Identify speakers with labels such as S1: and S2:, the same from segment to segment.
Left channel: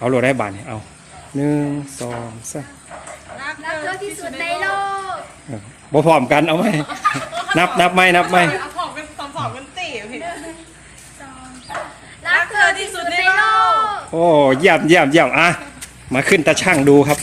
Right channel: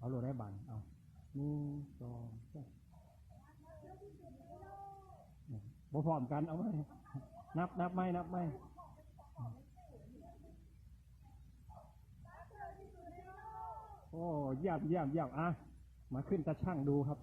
S1: เอาโหลดได้บาทเนี่ยเอาหนึ่งสองสาม
S2: รักเธอที่สุดในโลก
S1: เออบ่พร้อมกันเอาไหมนับนับไหมนับไหม
S3: เอาของเป็นสองสองเป็นตีพี่
S2: รักเธอที่สุดในโลก
S1: โอ้เยี่ยมเยี่ยมเยี่ยมอะมาขึ้นตาช่างดูครับ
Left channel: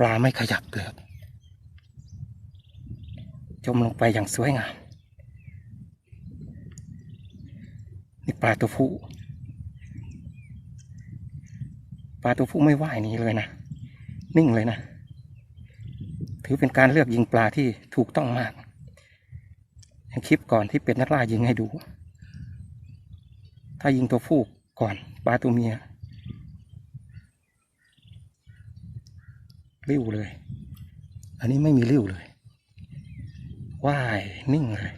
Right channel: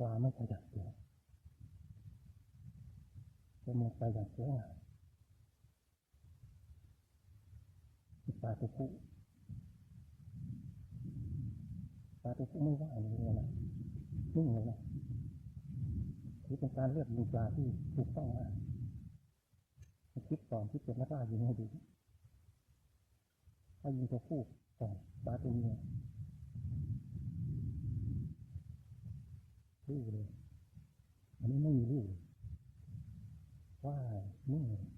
S1: ปลาไม่ขยับเลยครับ จมลงไปอย่างสวยงาม นี่ปลาตัวผู้ ปลาตัวผู้ไม่ว่ายนี้เลยนะ นิ่งเลยนะ ถือเป็นการเลือกยิงปลาที่ถูกต้องมากอย่างคลิปก่อนที่เป็นนักล่ายิงให้ดู ถ้ายิงตัวผู้ก่อนปลาตัวเมีย ริ้วเลย อันนี้ไม่มีริ้วเลย ว่ายนิ่งเลย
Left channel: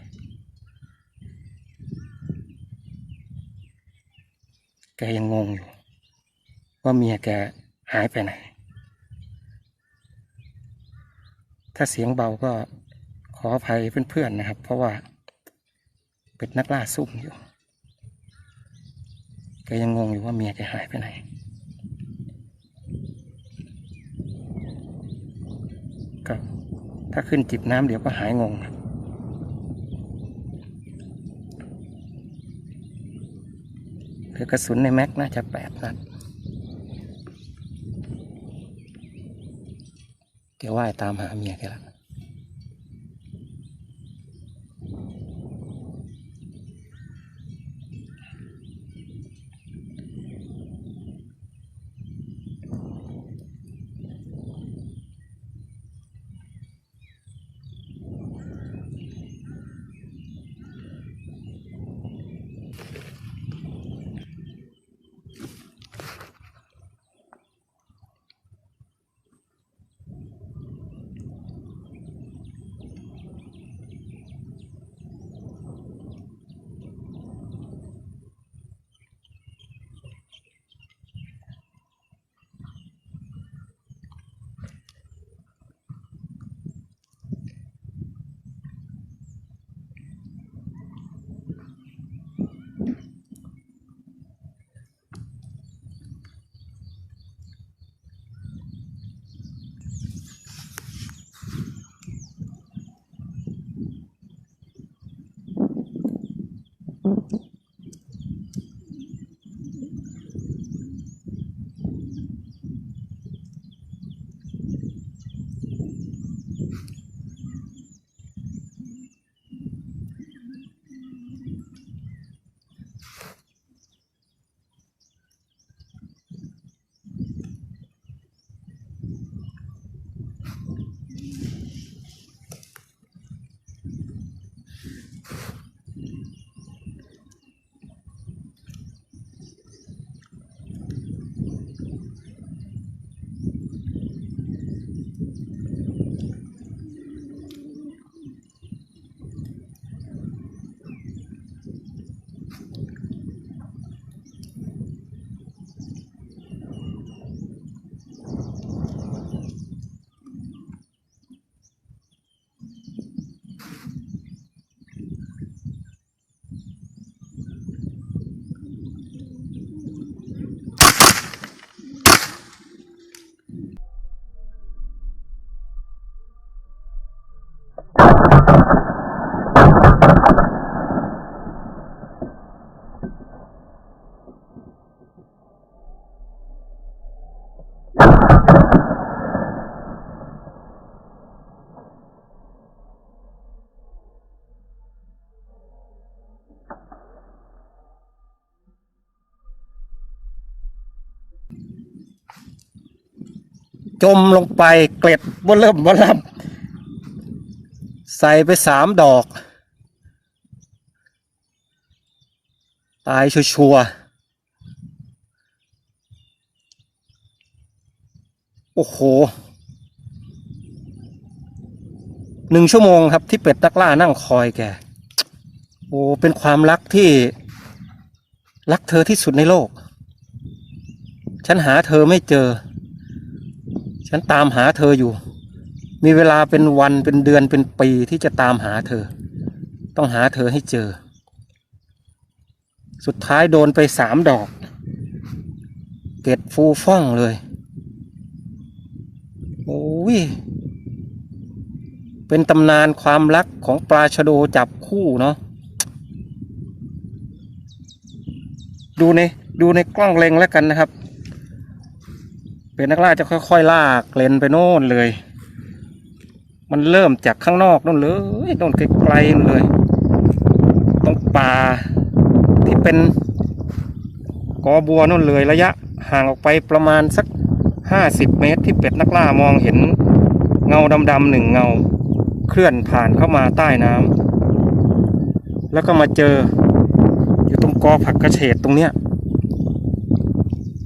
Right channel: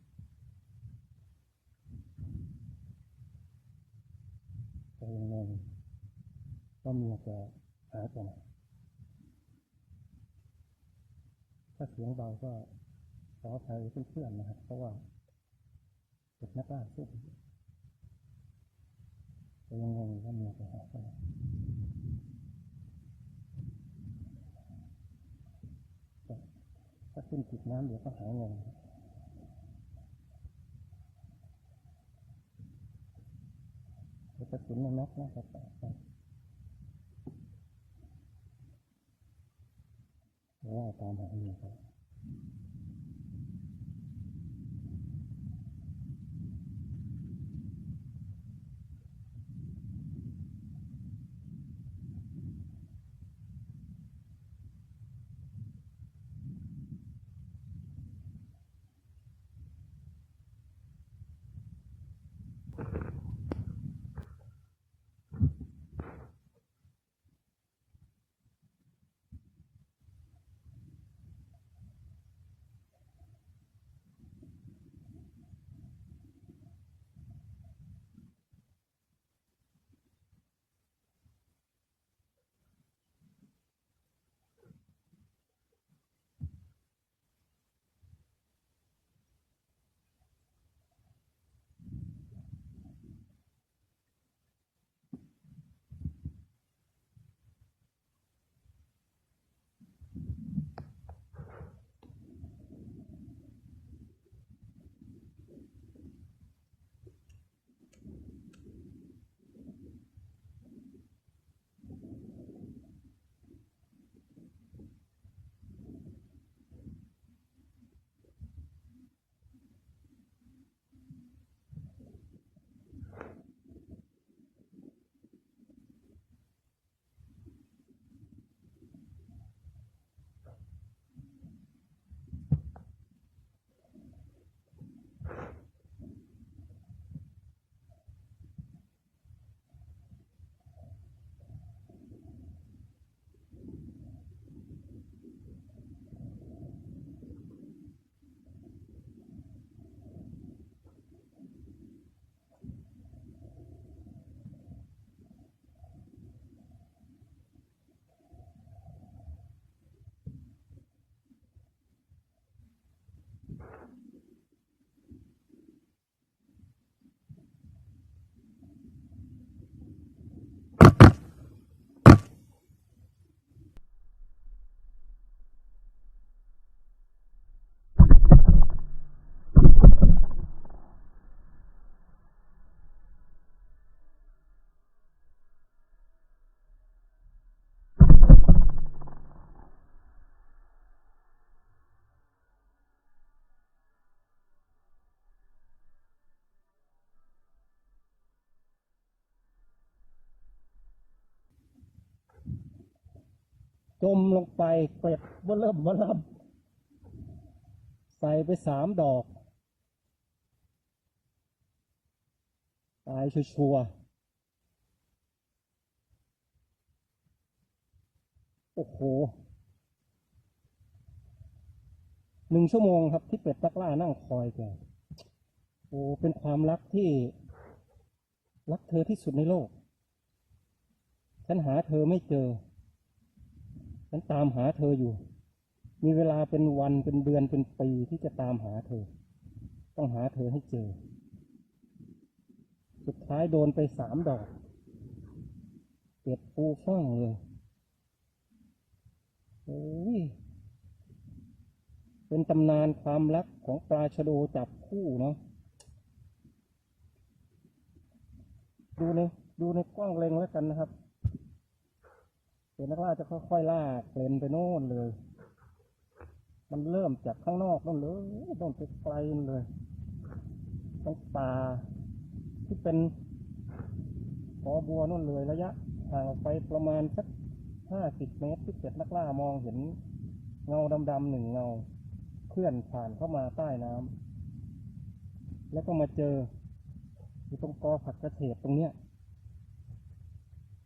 S1: แกยังงงอยู่ ว่าเมียแกหายไปไหน ถ้าเสียงเบาก็ขออภัยเพื่อนๆนะครับ เพราะว่าเป็นนักล่าซุ่มอยู่ แกยังงงอยู่ว่าเมียแกหายไปไหน ก็ถ้าขึ้นจิบน้ำเดี๋ยวก็หายงงครับเหลือกระสุนในแม็กน่าจะแปดนัดแกว่ายตามหาเมียแกแล้ ว จมลงไปเกล็ดบนเริ่มบนล่ำใส่ไปสามดอก ตายชัวร์ๆโอ้โหหนึ่งชั่วโมงครับที่เป็ดนักล่านั่งคอยแก โอ้ เป็นความรักที่ รักเธอที่สุดในโลก ฉันหาเธอไม่เจอ ฉันตามหาเธออยู่ มีเวลาเป็นวันเป็นเดือนเป็นปีที่จะตามหาเธอ ต้องหาเธอให้เจอ สุดท้ายโดนไปสามดอก เกล็ดฟูฟ่องเลย โอ้ย เป็นตำนานความรักของปลาชโดจับคู่เนาะ ดูในดูในกล้องเล็งแล้วกันนะครับ เป็นนักล่าจะค่อยๆลากเลนไปโน่นเลย มันเริ่มจากข้างนอกนู่นเลยโน่นไกลๆเลยตรงป่าที่เป็นกอบัวนู่นเลยระยะห่างออกไปประมาณสักห้าสิบเมตรที่เป็ดนักล่ามองเห็นเงาดำๆหนึ่งเงาเคลื่อนผ่านเข้ามาใต้น้ำแล้วก็มาเจออยู่ตรงกอผักกระเฉดตรงเนี้ย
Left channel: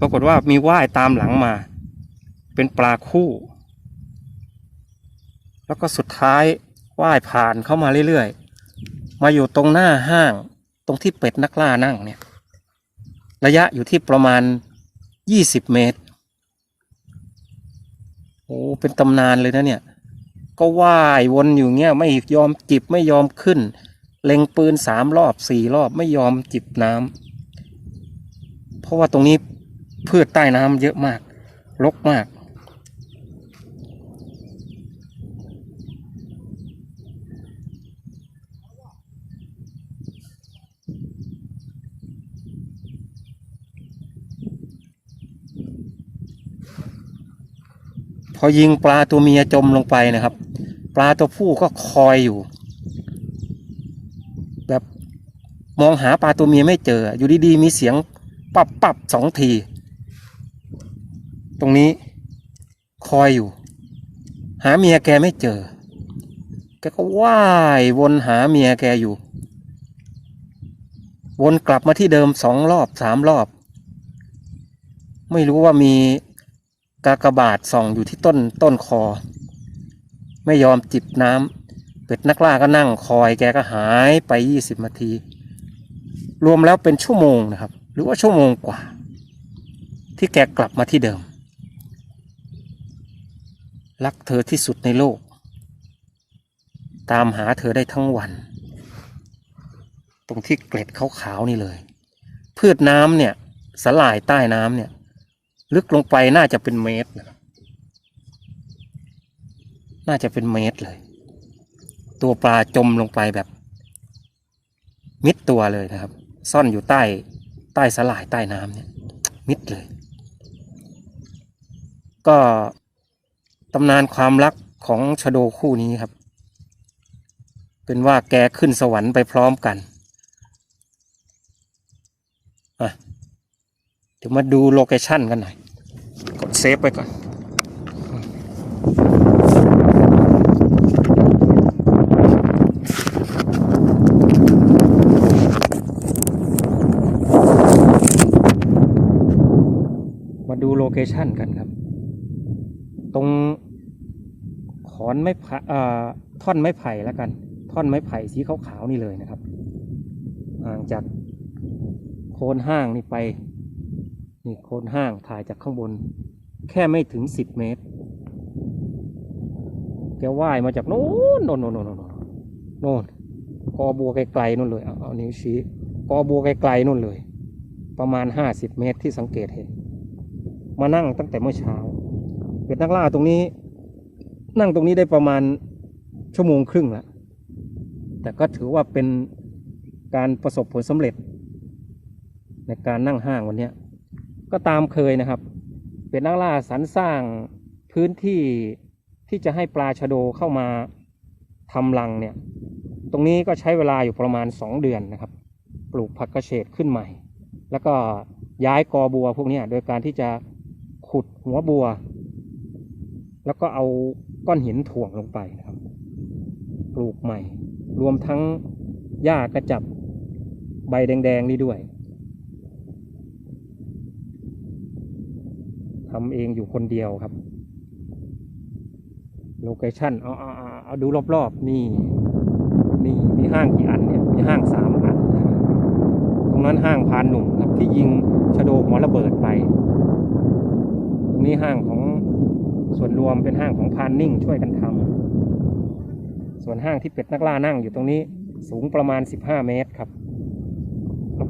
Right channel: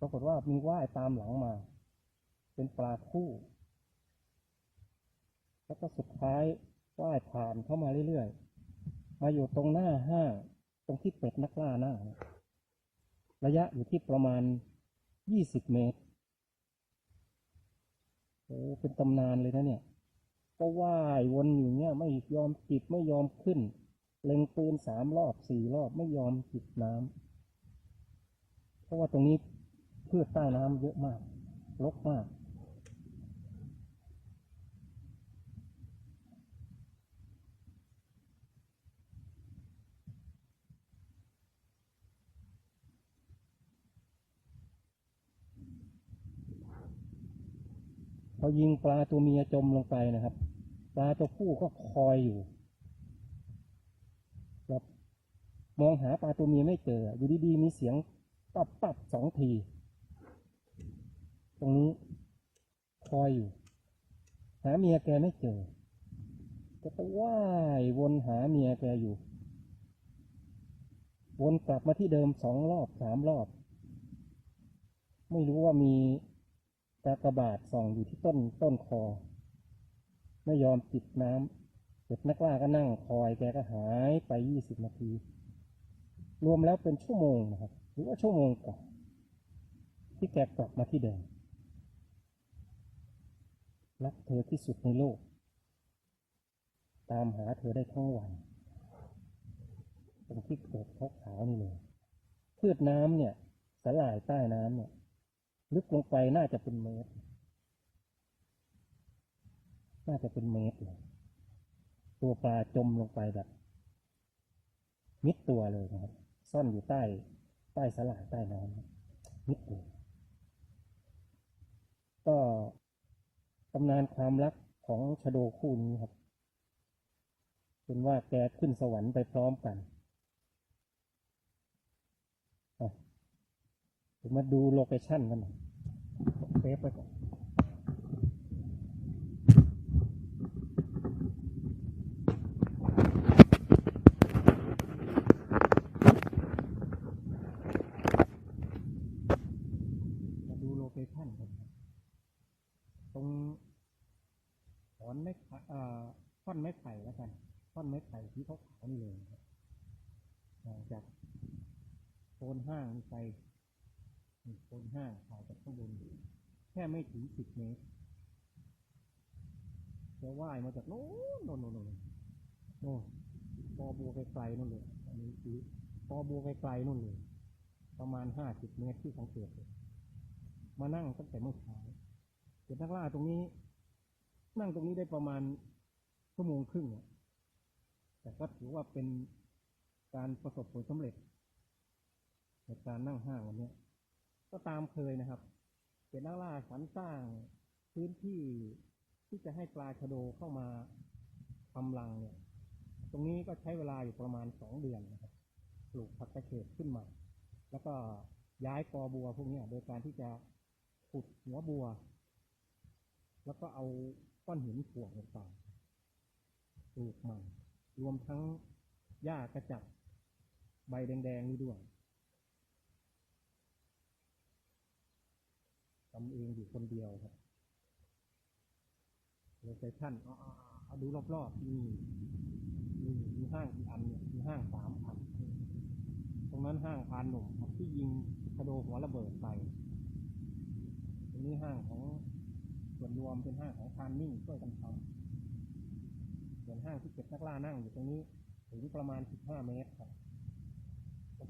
S1: ปรากฏว่ามีว่ายตามหลังมา เป็นปลาคู่ แล้วก็สุดท้ายว่ายผ่านเข้ามาเรื่อยๆ มาอยู่ตรงหน้าห้างตรงที่เป็ดนักล่านั่งเนี่ยระยะอยู่ที่ประมาณยี่สิบเมตรโอ้เป็นตำนานเลยนะเนี่ย ก็ว่ายวนอยู่เงี้ยไม่ยอมจิบไม่ยอมขึ้น เล็งปืนสามรอบสี่รอบไม่ยอมจิบน้ำเพราะว่าตรงนี้พืชใต้น้ำเยอะมากรกมาก พอยิงปลาตัวเมียจมลงไปนะครับ ปลาตัวผู้ก็คอยอยู่ แบบมองหาปลาตัวเมียไม่เจอ อยู่ดีๆมีเสียงปับปับสองที ตรงนี้คอยอยู่ หาเมียแกไม่เจอ แกก็ว่ายวนหาเมียแกอยู่ วนกลับมาที่เดิมสองรอบสามรอบ ไม่รู้ว่ามี กากบาทส่องอยู่ที่ต้นต้นคอ ไม่ยอมจิบน้ำเป็ดนักล่าก็นั่งคอยแกก็หายไปยี่สิบนาที รวมแล้วเป็นชั่วโมงนะครับ หรือว่าชั่วโมงกว่า ที่แกกลับมาที่เดิม รักเธอที่สุดในโลก ตามหาเธอได้ทั้งวัน ตรงที่เกล็ดขาวๆนี่เลย พืชน้ำเนี่ยสลายใต้น้ำเนี่ย ลึกลงไปน่าจะเป็นเมตรนะน่าจะเป็นเมตรเลย ตัวปลาจมลงไปแบบ มิดตัวเลยนะครับ ซ่อนอยู่ใต้ใต้สลายใต้น้ำเนี่ย มิดเลย ก็ตำนานความรักของชะโดคู่นี้ครับ เป็นว่าแกขึ้นสวรรค์ไปพร้อมกันอะ เดี๋ยวมาดูโลเคชั่นกันหน่อย กดเซฟไปก่อนมาดูโลเคชันกันครับ ตรงขอนไม้ไผ่ท่อนไม้ไผ่แล้วกัน ท่อนไม้ไผ่สีขาวๆนี่เลยนะครับห่างจากโคนห้างนี่ไป นี่โคนห้างถ่ายจากข้างบน แค่ไม่ถึงสิบเมตร แกว่ายมาจากโน้นโน่นโน่นโน่นโน่นโน่นกอบัวไกลๆนู่นเลยเอาเอานิ้วชี้กอบัวไกลๆนู่นเลย ประมาณห้าสิบเมตรที่สังเกตเห็น มานั่งตั้งแต่เมื่อเช้าเป็ดนักล่าตรงนี้ นั่งตรงนี้ได้ประมาณชั่วโมงครึ่งแล้วแต่ก็ถือว่าเป็นการประสบผลสำเร็จ ในการนั่งห้างวันนี้ ก็ตามเคยนะครับ เป็ดนักล่าสรรสร้างพื้นที่ที่จะให้ปลาชะโดเข้ามาทำรังเนี่ย ตรงนี้ก็ใช้เวลาอยู่ประมาณ 2 เดือนนะครับ ปลูกผักกระเฉดขึ้นใหม่ แล้วก็ย้ายกอบัวพวกนี้โดยการที่จะขุดหัวบัว แล้วก็เอาก้อนหินถ่วงลงไปนะครับ ปลูกใหม่ รวมทั้งหญ้ากระจับใบแดงๆนี่ด้วย ทำเองอยู่คนเดียวครับ โลเคชั่นเอาเอาเอาเอาดูรอบๆ นี่ นี่มีห้างกี่อันเนี่ย มีห้างสามอัน ตรงนั้นห้างพานหนุ่มครับที่ยิงชะโดหัวระเบิดไป ตรงนี้ห้างของส่วนรวมเป็นห้างของพานนิ่งช่วยกันทำส่วนห้างที่เป็ดนักล่านั่งอยู่ตรงนี้สูงประมาณ 15 เมตรครับ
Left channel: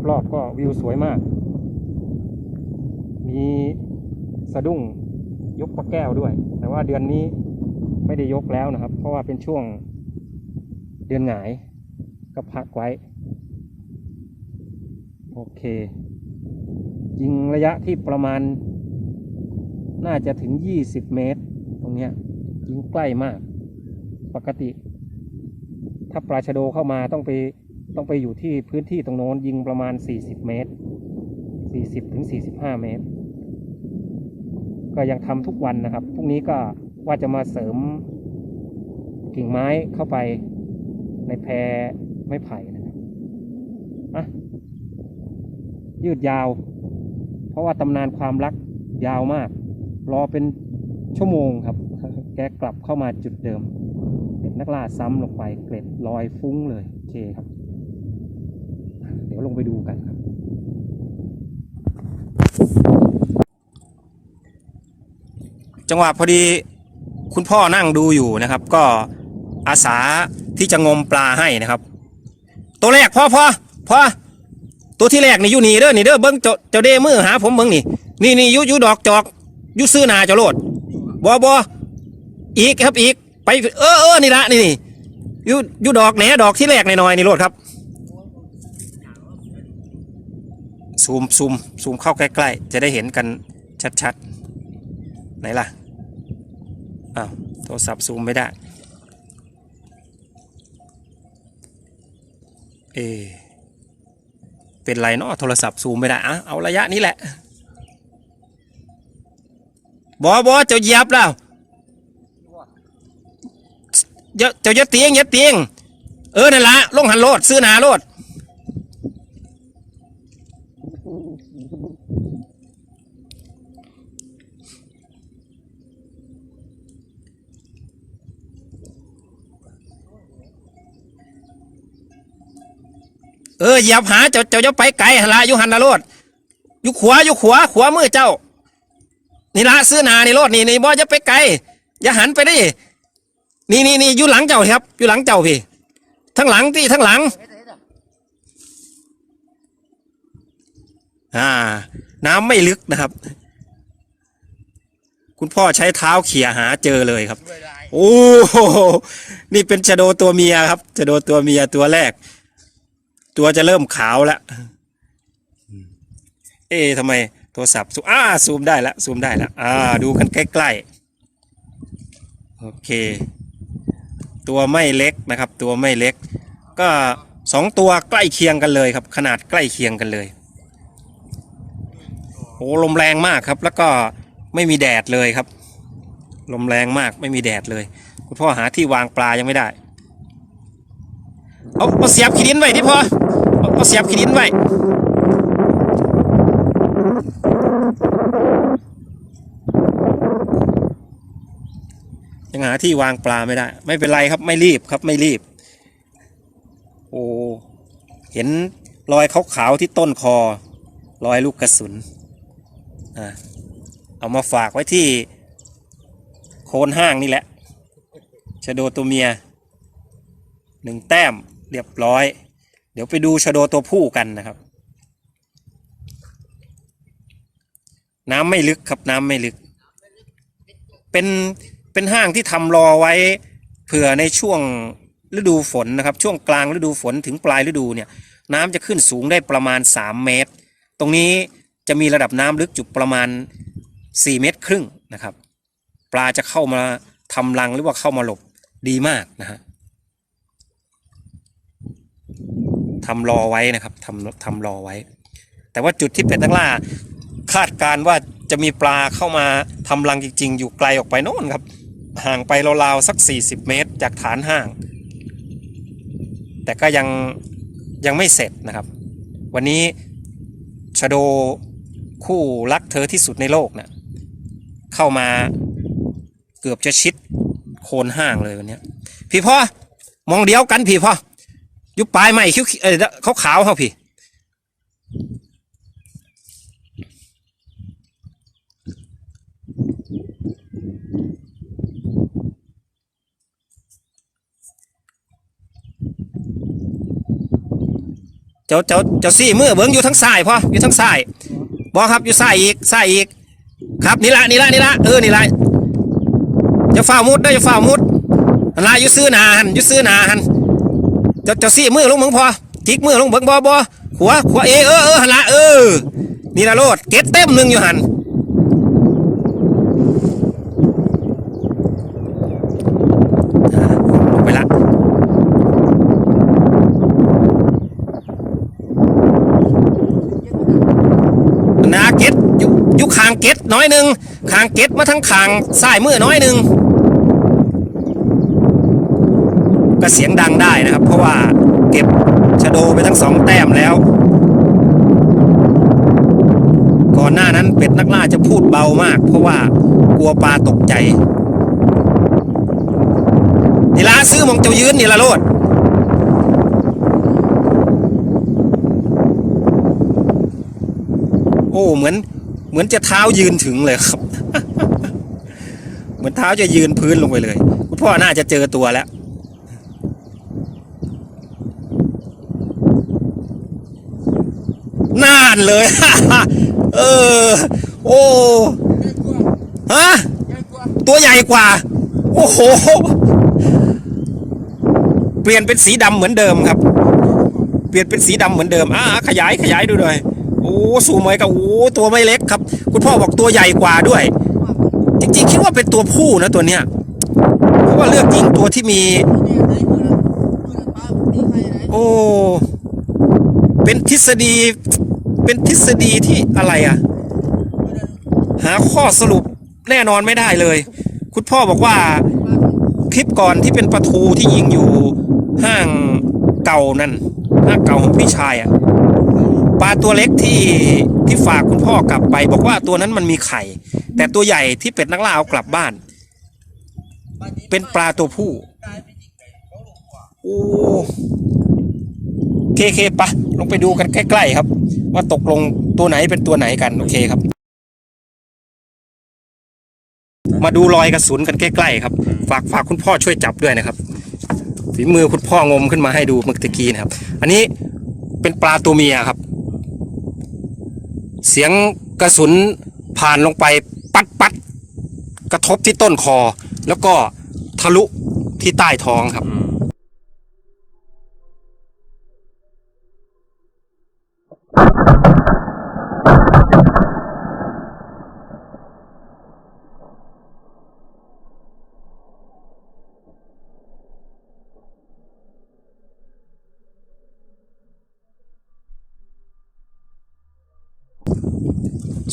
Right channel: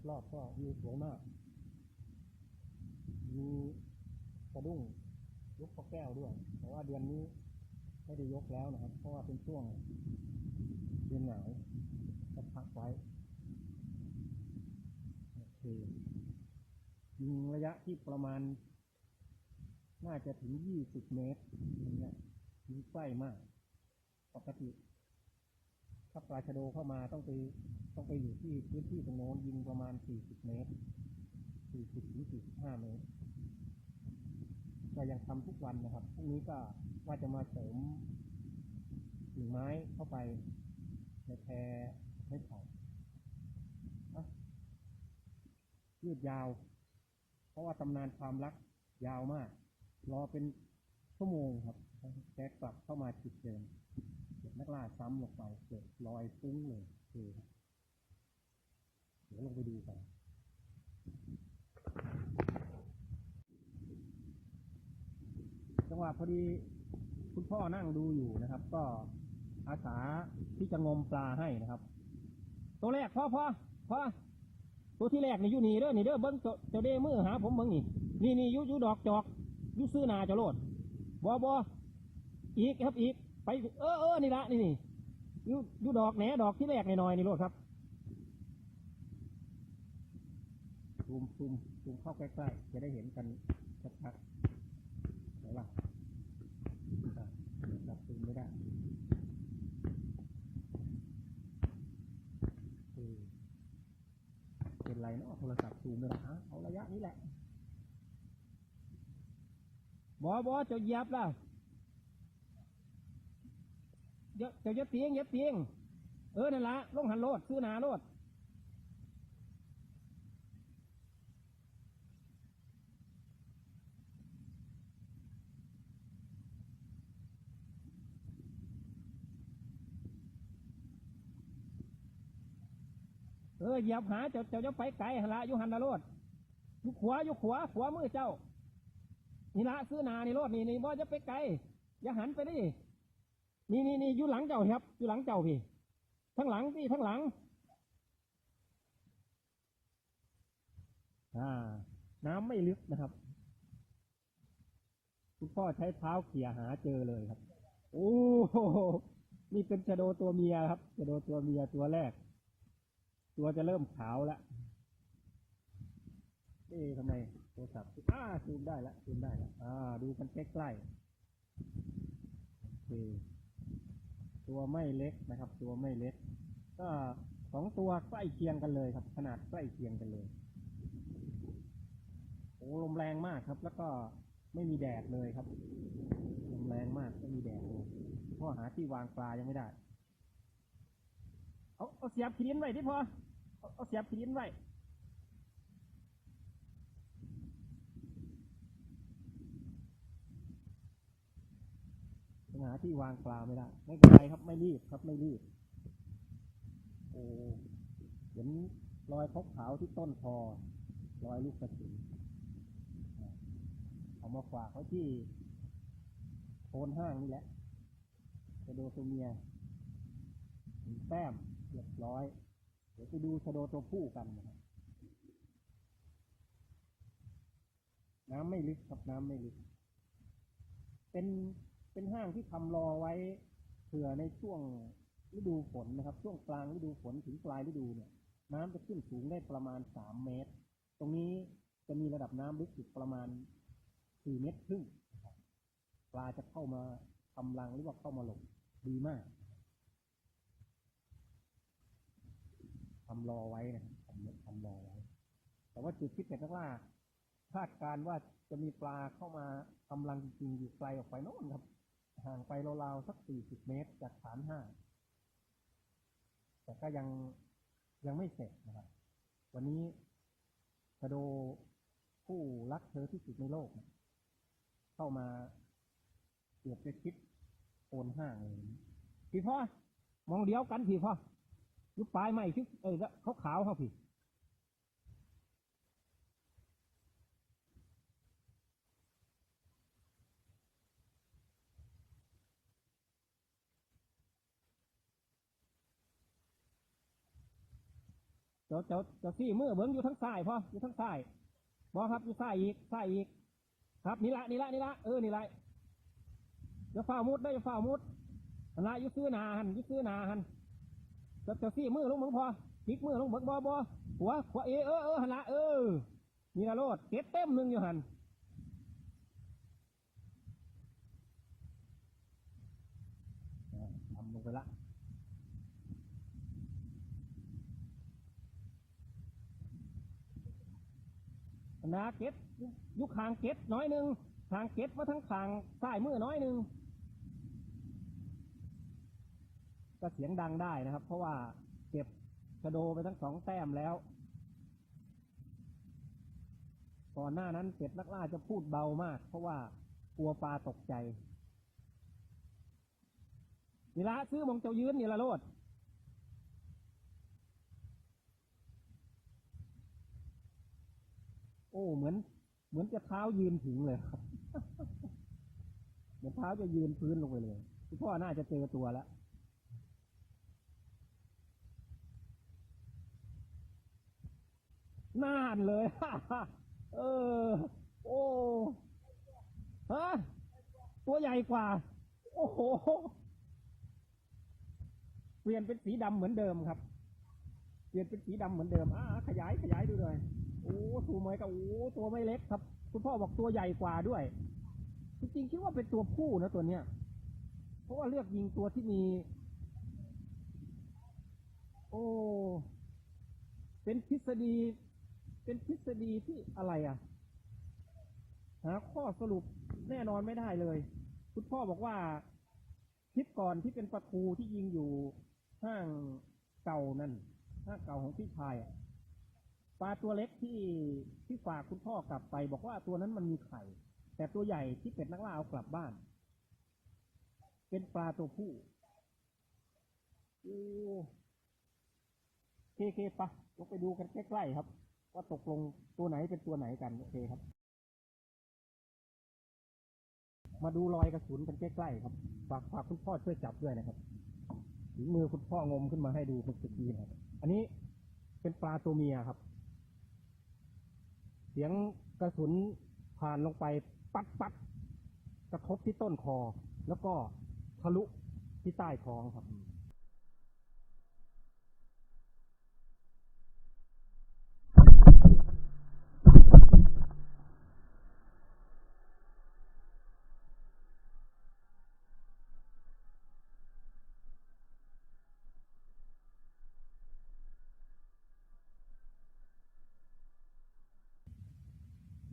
S1: รอบๆก็วิวสวยมาก มี สะดุ้งยกปลาแก้วด้วย แต่ว่าเดือนนี้ไม่ได้ยกแล้วนะครับ เพราะว่าเป็นช่วงเดือนหงายก็พักไว้ โอเค ยิงระยะที่ประมาณ น่าจะถึง 20 เมตร ตรงนี้ยยิงใกล้มาก ปกติ ถ้าปลาชะโดเข้ามาต้องไปต้องไปอยู่ที่พื้นที่ตรงโน้นยิงประมาณ 40 เมตร 40ถึง45 เมตร ก็ยังทำทุกวันนะครับพรุ่งนี้ก็ว่าจะมาเสริมกิ่งไม้เข้าไปในแพรไม้ไผ่นะครับอะยืดยาว เพราะว่าตำนานความรักยาวมาก รอเป็นชั่วโมงครับ แกกลับเข้ามาจุดเดิมเป็นนักล่าซ้ำลงไปเกล็ดลอยฟุ้งเลย โอเคครับ เดี๋ยวลงไปดูกันครับ จังหวะพอดีคุณพ่อนั่งดูอยู่นะครับ ก็อาสาที่จะงมปลาให้นะครับ ตัวแรกพ่อพ่อพ่อตัวที่แรกนี่อยู่นี่เด้อนี่เด้อเบิ้งเจ้าเจ้าเดมือหาผมเบิ้งนี่นี่นี่ยู่ยู่ดอกจอกยู่ซื้อนาเจ้าโลดบอบออีกครับอีกไปเออเออนี่ละนี่นี่ยู่อยู่ดอกแหนดอกที่แรกหน่อยๆนี่โลดครับซูมซูมซูมเข้าใกล้ๆจะได้เห็นกันชัดๆ นล่ะอ้าวโทรศัพท์ซูมไม่ได้ เอ เป็นไรเนาะโทรศัพท์ซูมไม่ได้อะเอาระยะนี้แหละ บอบอเจ้าเยียบแล้วเจ้าเจ้าอย่าเตียงอย่าเตียง เออนั่นละลงหันโลดซื้อนาโลด เออเหยียบหาเจ้าเจ้าจะไปไกลละอยู่หันละโลดอยู่ขวายู่ขวาขวามือเจ้า นี่ละซื้อนานี่โลดนี่นี่บอจะไปไกลอย่าหันไปดินี่นี่นี่อยู่หลังเจ้าครับอยู่หลังเจ้าพี่ทั้งหลังที่ทั้งหลัง อ่า น้ำไม่ลึกนะครับ คุณพ่อใช้เท้าเขี่ยหาเจอเลยครับ โอ้โหนี่เป็นชะโดตัวเมียครับชะโดตัวเมียตัวแรก ตัวจะเริ่มขาวแล้ว เอ๊ะทำไมโทรศัพท์ซูมอ่าซูมได้แล้วซูมได้แล้วอ่า ดูกันใกล้ๆ โอเค ตัวไม่เล็กนะครับ ตัวไม่เล็ก ก็สองตัวใกล้เคียงกันเลยครับ ขนาดใกล้เคียงกันเลยโอ้ลมแรงมากครับ แล้วก็ไม่มีแดดเลยครับ ลมแรงมากไม่มีแดดเลย คุณพ่อหาที่วางปลายังไม่ได้ เอาเอาเสียบขีดินไว้ที่พอเอาเอาเสียบขีดินไว้ยังหาที่วางปลาไม่ได้ ไม่เป็นไรครับไม่รีบครับไม่รีบ โอ้เห็นรอยขาวๆที่ต้นคอ รอยลูกกระสุนอะเอามาฝากไว้ที่โคนห้างนี่แหละชะโดตัวเมียหนึ่งแต้ม เรียบร้อย เดี๋ยวไปดูชะโดตัวผู้กันนะครับ น้ำไม่ลึกครับน้ำไม่ลึก เป็นเป็นห้างที่ทำรอไว้เผื่อในช่วงฤดูฝนนะครับ ช่วงกลางฤดูฝนถึงปลายฤดูเนี่ยน้ำจะขึ้นสูงได้ประมาณ 3 เมตร ตรงนี้จะมีระดับน้ำลึกจุดประมาณ 4 เมตรครึ่งนะครับ ปลาจะเข้ามาทำรังหรือว่าเข้ามาหลบดีมากนะฮะ ทำรอไว้นะครับทำทำรอไว้ แต่ว่าจุดที่เป็ดนักล่า คาดการว่าจะมีปลาเข้ามาทำรังจริง ๆ อยู่ไกลออกไปโน่นครับ ห่างไปราวๆสัก 40 เมตร จากฐานห้าง แต่ก็ยังยังไม่เสร็จนะครับ วันนี้ชโดคู่รักเธอที่สุดในโลกเนะ่ะเข้ามาเกือบจะชิดโคนห้างเลยวันนี้พี่พ่อมองเดียวกันพี่พ่อ ยุบปลายใหม่คิ้วเออขาขาวๆเขาพี่ เจ้าเจ้าเจ้าซี่มือเบิ้งอยู่ทั้งซ้ายพ่ออยู่ทั้งซ้ายบอครับอยู่ซ้ายอีกซ้ายอีก ครับนี่ละนี่ละนี่ละเออนี่ละจะฝ่ามุดได้จะฝ่ามุดอันละอยู่ซื้อนาหันอยู่ซื้อนาหัน จ้าเจ้าซี่มือลงเบิ้งพอจิกมือลงเบิ้งบอบอขวาขวาเอเออเออหันละเออนี่ละโลดเก็ตเต็มหนึ่งอยู่หันไปละนาเก็ตอยู่อยู่คางเก็ตน้อยหนึ่งคางเก็ตมาทั้งคางสายมือน้อยหนึ่ง ก็เสียงดังได้นะครับ เพราะว่าเก็บชะโดไปทั้งสองแต้มแล้ว ก่อนหน้านั้นเป็ดนักล่าจะพูดเบามาก เพราะว่ากลัวปลาตกใจนี่ละซื้อมองเจ้ายืนนี่ละโลดโอ้เหมือนเหมือนจะเท้ายืนถึงเลยครับ เหมือนเท้าจะยืนพื้นลงไปเลย คุณพ่อน่าจะเจอตัวแล้ว น่านเลย เออ โอ้ฮะตัวใหญ่กว่า โอ้โห เปลี่ยนเป็นสีดำเหมือนเดิมครับ เปลี่ยนเป็นสีดำเหมือนเดิมอ่าขยายขยายดูหน่อยโอ้สูงไหมกับโอ้ตัวไม่เล็กครับ คุณพ่อบอกตัวใหญ่กว่าด้วย จริงๆ คิดว่าเป็นตัวผู้นะตัวเนี้ยเพราะว่าเลือกยิงตัวที่มี โอ้เป็นทฤษฎี เป็นทฤษฎีที่อะไรอะ หาข้อสรุปแน่นอนไม่ได้เลย คุณพ่อบอกว่าคลิปก่อนที่เป็นประทูที่ยิงอยู่ห้างเก่านั่นห้างเก่าของพี่ชายอะปลาตัวเล็กที่ที่ฝากคุณพ่อกลับไป บอกว่าตัวนั้นมันมีไข่ แต่ตัวใหญ่ที่เป็ดนักล่าเอากลับบ้าน เป็นปลาตัวผู้โอ้เคเคปะลงไปดูกันใกล้ ๆ ครับ ว่าตกลงตัวไหนเป็นตัวไหนกันโอเคครับ มาดูรอยกระสุนกันใกล้ๆครับ ฝากฝากคุณพ่อช่วยจับด้วยนะครับฝีมือคุณพ่องมขึ้นมาให้ดูเมื่อตะกี้นะครับ อันนี้เป็นปลาตัวเมียครับ เสียงกระสุนผ่านลงไปปัดปัดกระทบที่ต้นคอ แล้วก็ทะลุที่ใต้ท้องครับ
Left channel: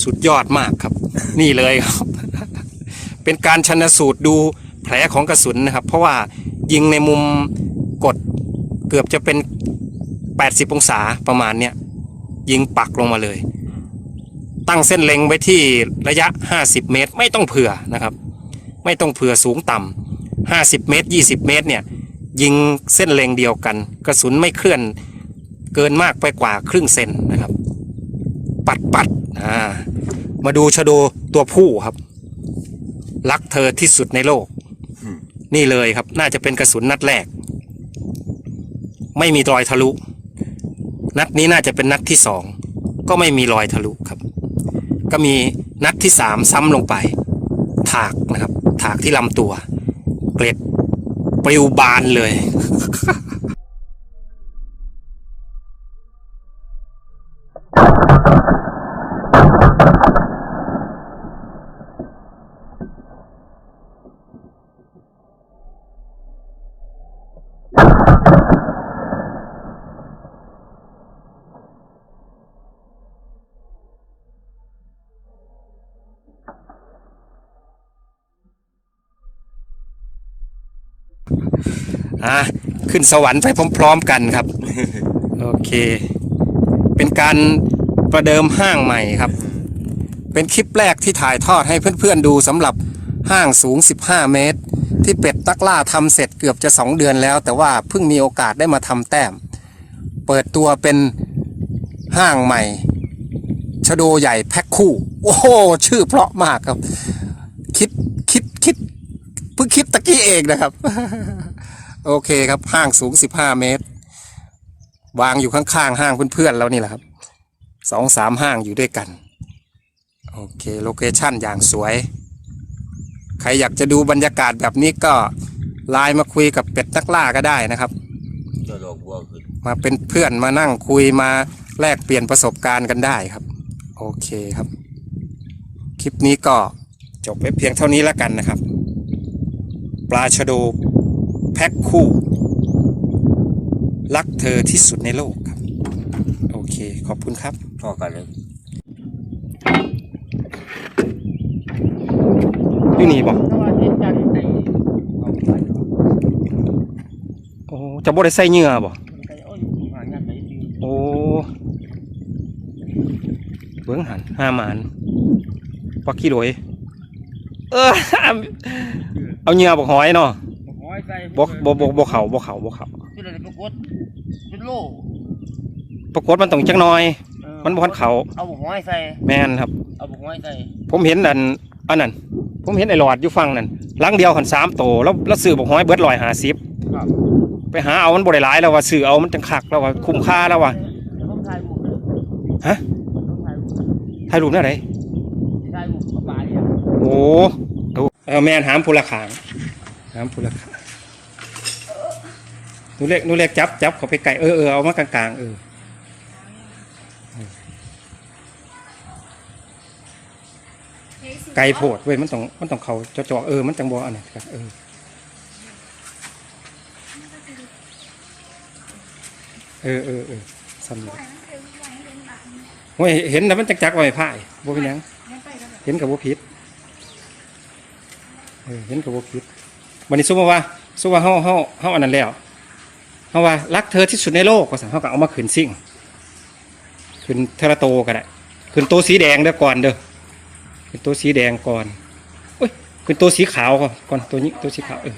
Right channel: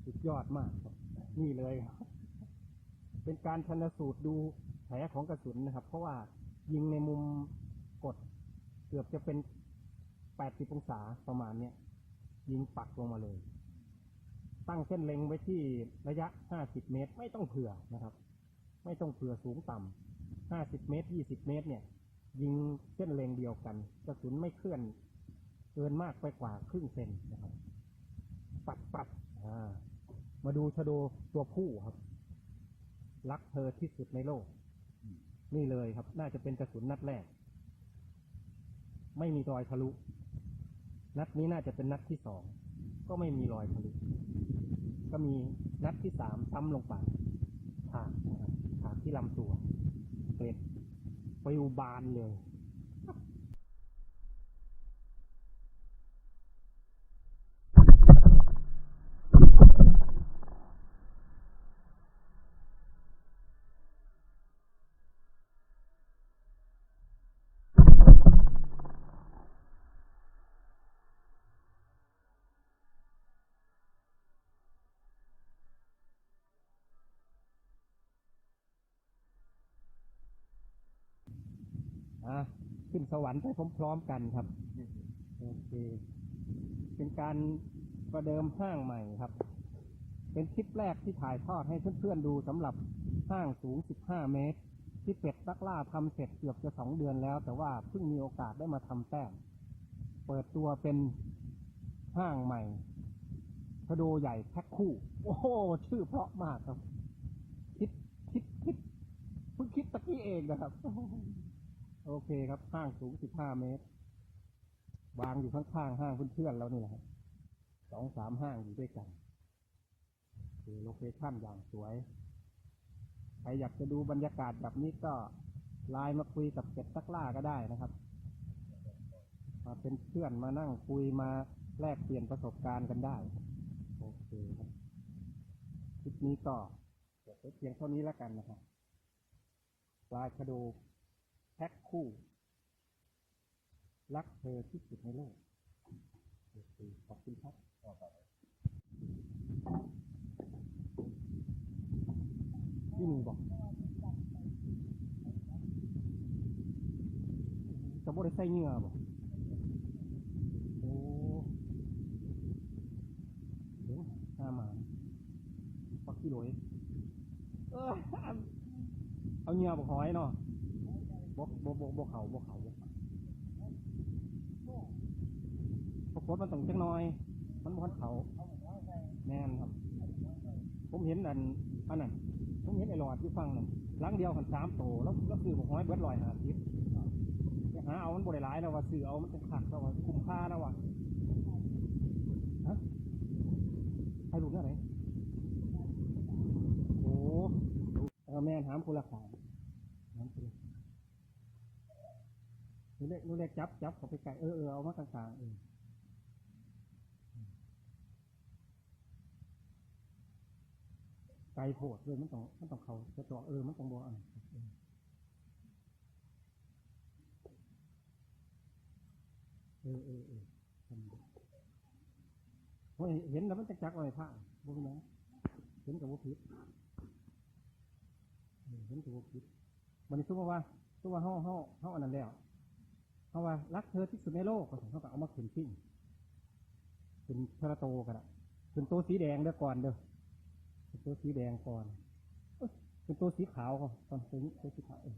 S1: สุดยอดมากครับ นี่เลยครับ เป็นการชันสูตรดูแผลของกระสุนนะครับ เพราะว่ายิงในมุมกดเกือบจะเป็น 80 องศาประมาณเนี้ยยิงปักลงมาเลย ตั้งเส้นเล็งไว้ที่ระยะ 50 เมตร ไม่ต้องเผื่อนะครับ ไม่ต้องเผื่อสูงต่ำ50 เมตร 20 เมตรเนี่ยยิงเส้นเล็งเดียวกัน กระสุนไม่เคลื่อนเกินมากไปกว่าครึ่งเซนนะครับ ปัดปัดอ่า มาดูชะโดตัวผู้ครับ รักเธอที่สุดในโลก นี่เลยครับ น่าจะเป็นกระสุนนัดแรก ไม่มีรอยทะลุ นัดนี้น่าจะเป็นนัดที่สอง ก็ไม่มีรอยทะลุครับ ก็มีนัดที่สามซ้ำลงไป ถากนะครับ ถากที่ลำตัว เกล็ดปลิวบานเลย อะขึ้นสวรรค์ไปพร้อมๆกันครับ โอเค เป็นการประเดิมห้างใหม่ครับ เป็นคลิปแรกที่ถ่ายทอดให้เพื่อนๆดูสำหรับห้างสูง 15 เมตร ที่เป็ดตักล่าทำเสร็จเกือบจะ 2 เดือนแล้ว แต่ว่าเพิ่งมีโอกาสได้มาทำแต้ม เปิดตัวเป็นห้างใหม่ ชโดใหญ่แพ็คคู่ โอ้โห ชื่อเพราะมากครับ คิดคิดคิด เพิ่งคิดตะกี้เองนะครับ โอเคครับห้างสูง15เมตร วางอยู่ข้างๆห้างเพื่อนๆเรานี่แหละครับสองสามห้างอยู่ด้วยกัน โอเคโลเคชั่นอย่างสวย ใครอยากจะดูบรรยากาศแบบนี้ก็ไลน์มาคุยกับเป็ดนักล่าก็ได้นะครับ มาเป็นเพื่อนมานั่งคุยมาแลกเปลี่ยนประสบการณ์กันได้ครับ โอเคครับ คลิปนี้ก็จบไว้เพียงเท่านี้แล้วกันนะครับ ปลาชะโดแพ็คคู่ รักเธอที่สุดในโลกครับ โอเค ขอบคุณครับ
S4: พ่อกันเลย
S1: อยู่นี่บอกโอ้จะบ่ได้ใส่เหงื่อบ่โอ้เบิ้งหันห้าหมานปักขี้โดยเออ เอาเหงื่อบอกหอยเนาะบอกบอกบอกบอกเขาบอกเขาบอกเขา
S5: เป็นอะไรปรากฏเป็นโล
S1: ปรากฏมันต้องจักหน้อย มันบ่ทันเขา
S5: เอาบุกห้อยใส่
S1: แม่นครับ
S5: เอาบุกห้อยใส่
S1: ผมเห็นอันอันนั้นผมเห็นไอ้หลอดอยู่ฟังนั่นหลังเดียวหันสามโตแล้วแล้วซื้อบอกหอยเบิดลอยหาสิบ
S5: ครับ
S1: ไปหาเอามันบ่ได้หลายแล้วว่าซื้อเอามันจังคักแล้วว่าคุ้มค่าแล้วว่า
S5: เดี๋ยวผมถ่ายบุก
S1: ฮะ
S5: ผมถ่ายบุก
S1: ถ่ายรูปได้ไหน
S5: ถ่ายบุกกับปลาเนี่ย
S1: โอ้ เออแม่นหามพูละขางหามพูละขางหนูเล็กหนูเล็กจับจับเขาไปไก่เออเออเอามากลางๆเออไก่โพดเว้ยมันต้องมันต้องเขาจาะๆเออมันจังบ่อันนี้ครับเออเออเออเออซ้ำเลยโอ้ยเห็นแล้วมันจักจักไว้พ่ายบ่เป็นหยัง เห็นกับว่าพิษ เออเห็นกับว่าพิษวันนี้สู้มาว่าสู้ว่าเฮาเฮาเฮาอันนั้นแล้วเฮาว่ารักเธอที่สุดในโลกก็สั่งเฮาก็เอามาขืนซิ่งขืนเทระโตก็ได้ขืนตัวสีแดงเด้อก่อนเด้อขืนตัวสีแดงก่อนโอ้ยขืนตัวสีขาวก่อนก่อนตัวนี้ตัวสีขาวเออ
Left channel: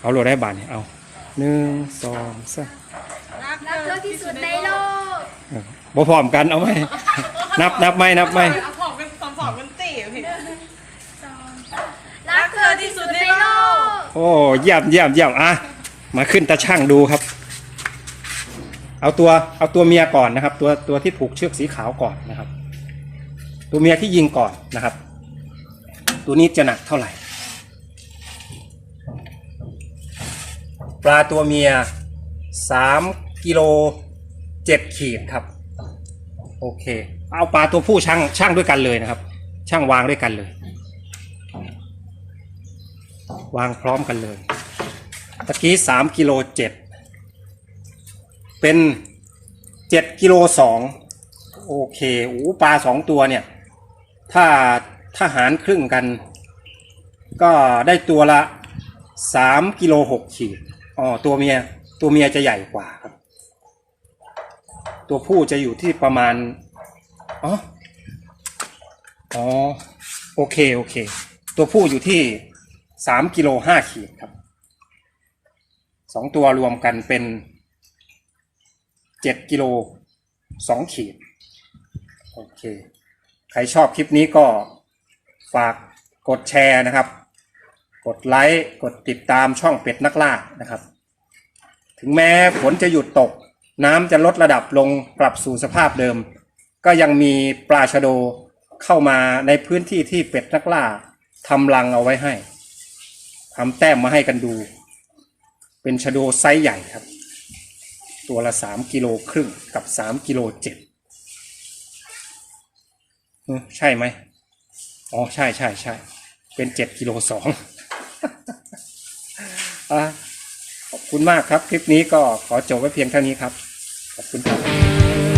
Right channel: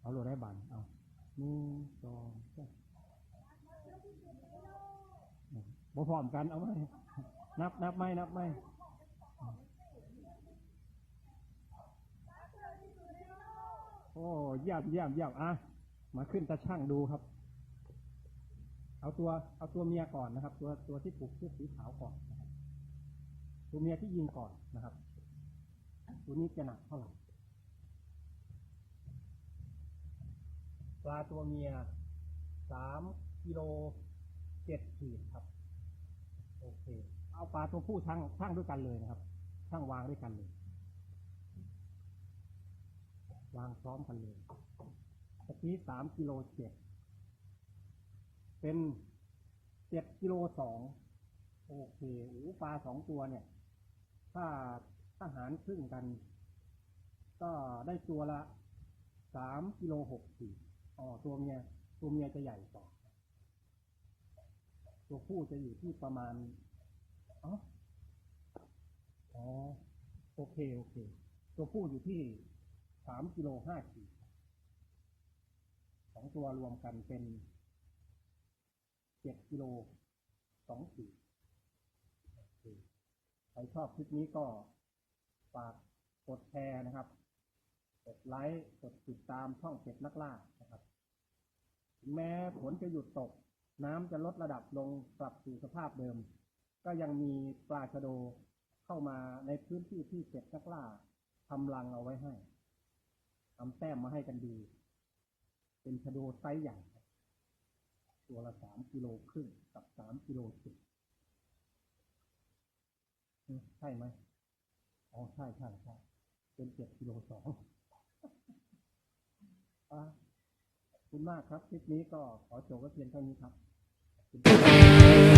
S1: เอาโหลดได้บาทนี่เอาหนึ่งสองสาม
S2: รักเธอที่สุดในโลก
S1: บ่พร้อมกันเอาไหมนับนับไหมนับไหม
S3: เอาของเป็นสองสองเป็นตีพี่
S2: รักเธอที่สุดในโลก
S1: โอ้เยี่ยมเยี่ยมเยี่ยมอะมาขึ้นตาช่างดูครับ เอาตัวเอาตัวเมียก่อนนะครับ ตัวตัวที่ผูกเชือกสีขาวก่อนนะครับ ตัวเมียที่ยิงก่อนนะครับ ตัวนี้จะหนักเท่าไหร่ ปลาตัวเมียสามกิโลเจ็ดขีดครับ โอเค เอาปลาตัวผู้ช่างช่างด้วยกันเลยนะครับ ช่างวางด้วยกันเลย วางพร้อมกันเลยตะกี้สามกิโลเจ็ดเป็นเจ็ดกิโลสองโอเคโอ้ปลาสองตัวเนี่ย ถ้าถ้าหารครึ่งกัน ก็ได้ตัวละสามกิโลหกขีดอ๋อตัวเมียตัวเมียจะใหญ่กว่าครับ ตัวผู้จะอยู่ที่ประมาณอ๋ออ๋อโอเคโอเค ตัวผู้อยู่ที่ สามกิโลห้าขีดครับสองตัวรวมกันเป็นเจ็ดกิโลสองขีด โอเค ใครชอบคลิปนี้ก็ฝากกดแชร์นะครับ กดไลค์กดติดตามช่องเป็ดนักล่านะครับ ถึงแม้ฝนจะหยุดตก น้ำจะลดระดับลงกลับสู่สภาพเดิม ก็ยังมีปลาชะโดเข้ามาในพื้นที่ที่เป็ดนักล่าทำรังเอาไว้ให้ ทำแต้มมาให้กันดู เป็นชะโดไซส์ใหญ่ครับ ตัวละสามกิโลครึ่งกับสามกิโลเจ็ดใช่ไหมอ๋อใช่ใช่ใช่เป็นเจ็ดกิโลสองขอบคุณมากครับ คลิปนี้ก็ขอจบไว้เพียงเท่านี้ครับ ขอบคุณครับ